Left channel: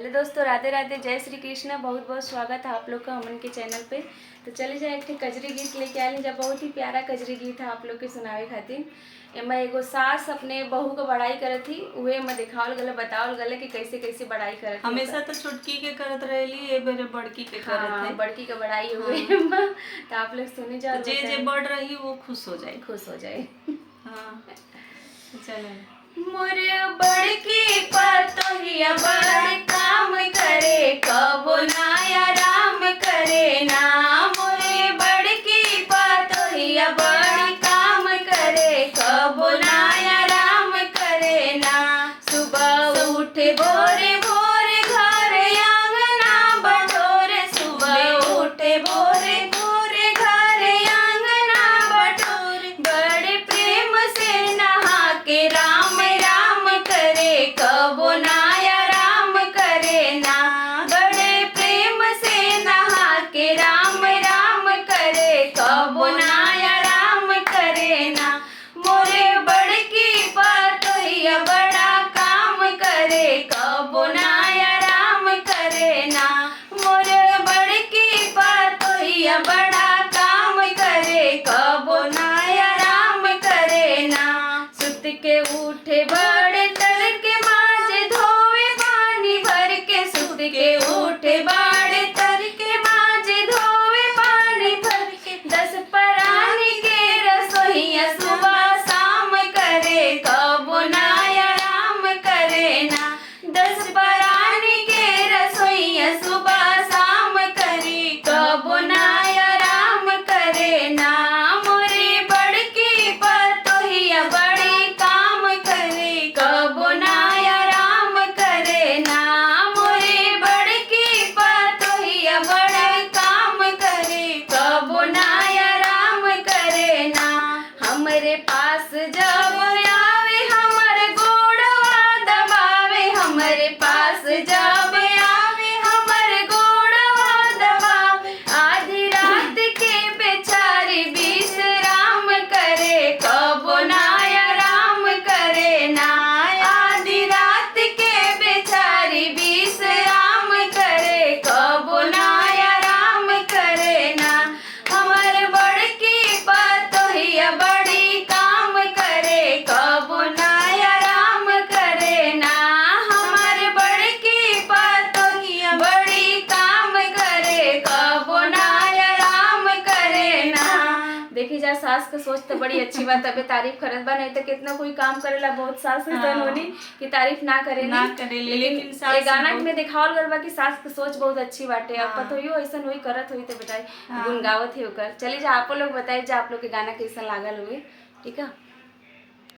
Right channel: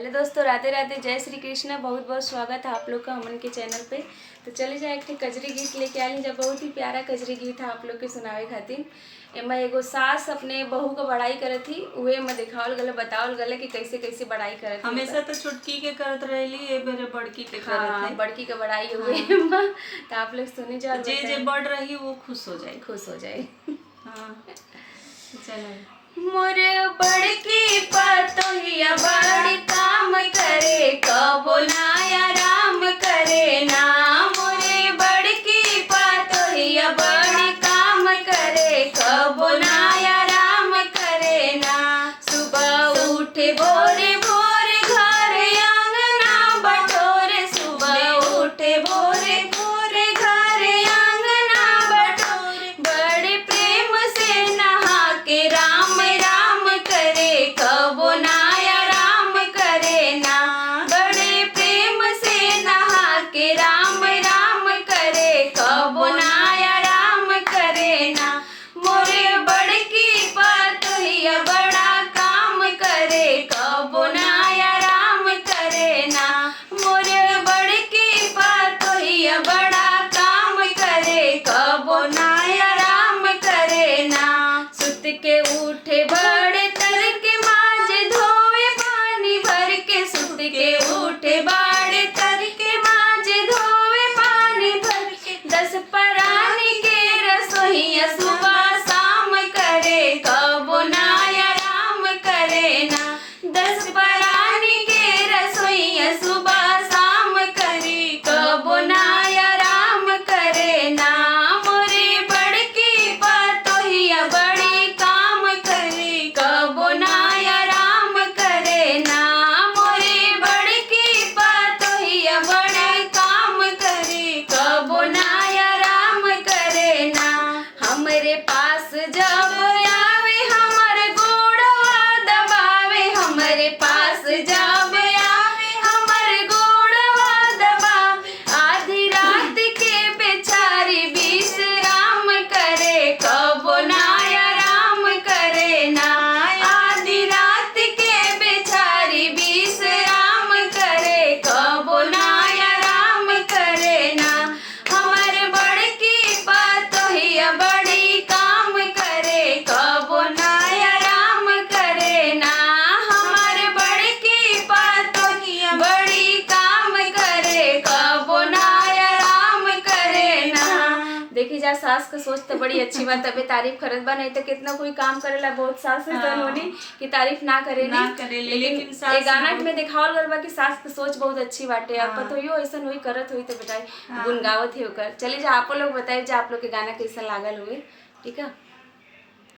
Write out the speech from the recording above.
Hello दोस्तों, राधे राधे, जय श्री कृष्ण। बहुत बहुत स्वागत है आप लोग का हमन के चैनल पे। तो चले जाए एक कजरी गीत लेके आए जब बहुत ही प्यारा कजरी गीत है आप लोग के सुनावे खातिर। एमा एगो सास अपने बहू का बड़ाई करत थी, उहे में दिखावल गले बतावल गले कि कैसे कैसे बड़ाई करत थी। हमेशा तो छुटकी के करत रहेली, ए बेरे बड़की के करत है। बड़की का बड़ाई हुए तो आप लोग सुनी जाओ, जे जे बढ़ रही वो खुश हो जाए, खुश हो जाए। हाँ चले। मोर बड़की पतोहिया बड़ काम करे, कबो नाया राम करे ना। मोरे बड़की पतोहिया बड़ काम करे, कबो नाया राम करे ना। सुबह उठे भोरे भोरे घर आंगना बटोरे, सुबह उठे भोरे भोरे घर आंगना बटोरे। बड़े प्रेम से नहा के राम राम करे, कबो नाया राम करे ना। बड़े प्रेम से नहा के राम राम करे, कबो नाया राम करे ना। मोरे बड़की पतोहिया बड़ा काम करे, कबो नाया राम करे ना। मोरे बड़की पतोहिया बड़ा काम करे, कबो नाया राम करे ना। सुत के उठे बड़े तड़के माजे धोवे पानी भर के, सुत के उठे बड़े तड़के माजे धोवे पानी भर के। 10 परानी के रसोइया सुबह शाम करे, कबो नाया राम करे ना। 10 परानी के रसोइया सुबह शाम करे, कबो नाया राम करे ना। मोरे बड़की पतोहिया बड़ी काम करे, कबो नाया राम करे ना। मोरे बड़की पतोहिया बड़ी काम करे, कबो नाया राम करे ना। हमरे पास जब आवे हमर गोड़वा दबावे, हमरे पास जब आवे हमर गोड़वा दबावे। आधी रात के बेचारी विश्राम करे, कबो नाया राम करे ना। आधी रात के बेचारी विश्राम करे, कबो नाया राम करे ना। हमर बड़की पतोहिया बड़ी काम करे, कबो नाया राम करे ना। हमर बड़की पतोहिया बड़ी काम करे, कबो नाया राम करे ना। देखी जा, सास का सोच तो बड़ी अच्छी बात, तबे तारीफ करत बा, नहीं तो कितना कोई काम करेला बहुत सास से जन होनी कि तारीफ ना करेली। लेकिन ये गाना में दिखावल गल बा कि सास की सोच बहुत अच्छी बाटे। और पतोहियो ऐसा हुई करत हुई तो बताई गुन गावत ही होकर। चलिए जा, आप लोग बताइए जा आप लोग के गाना कैसा लागल हुए। ठीक है।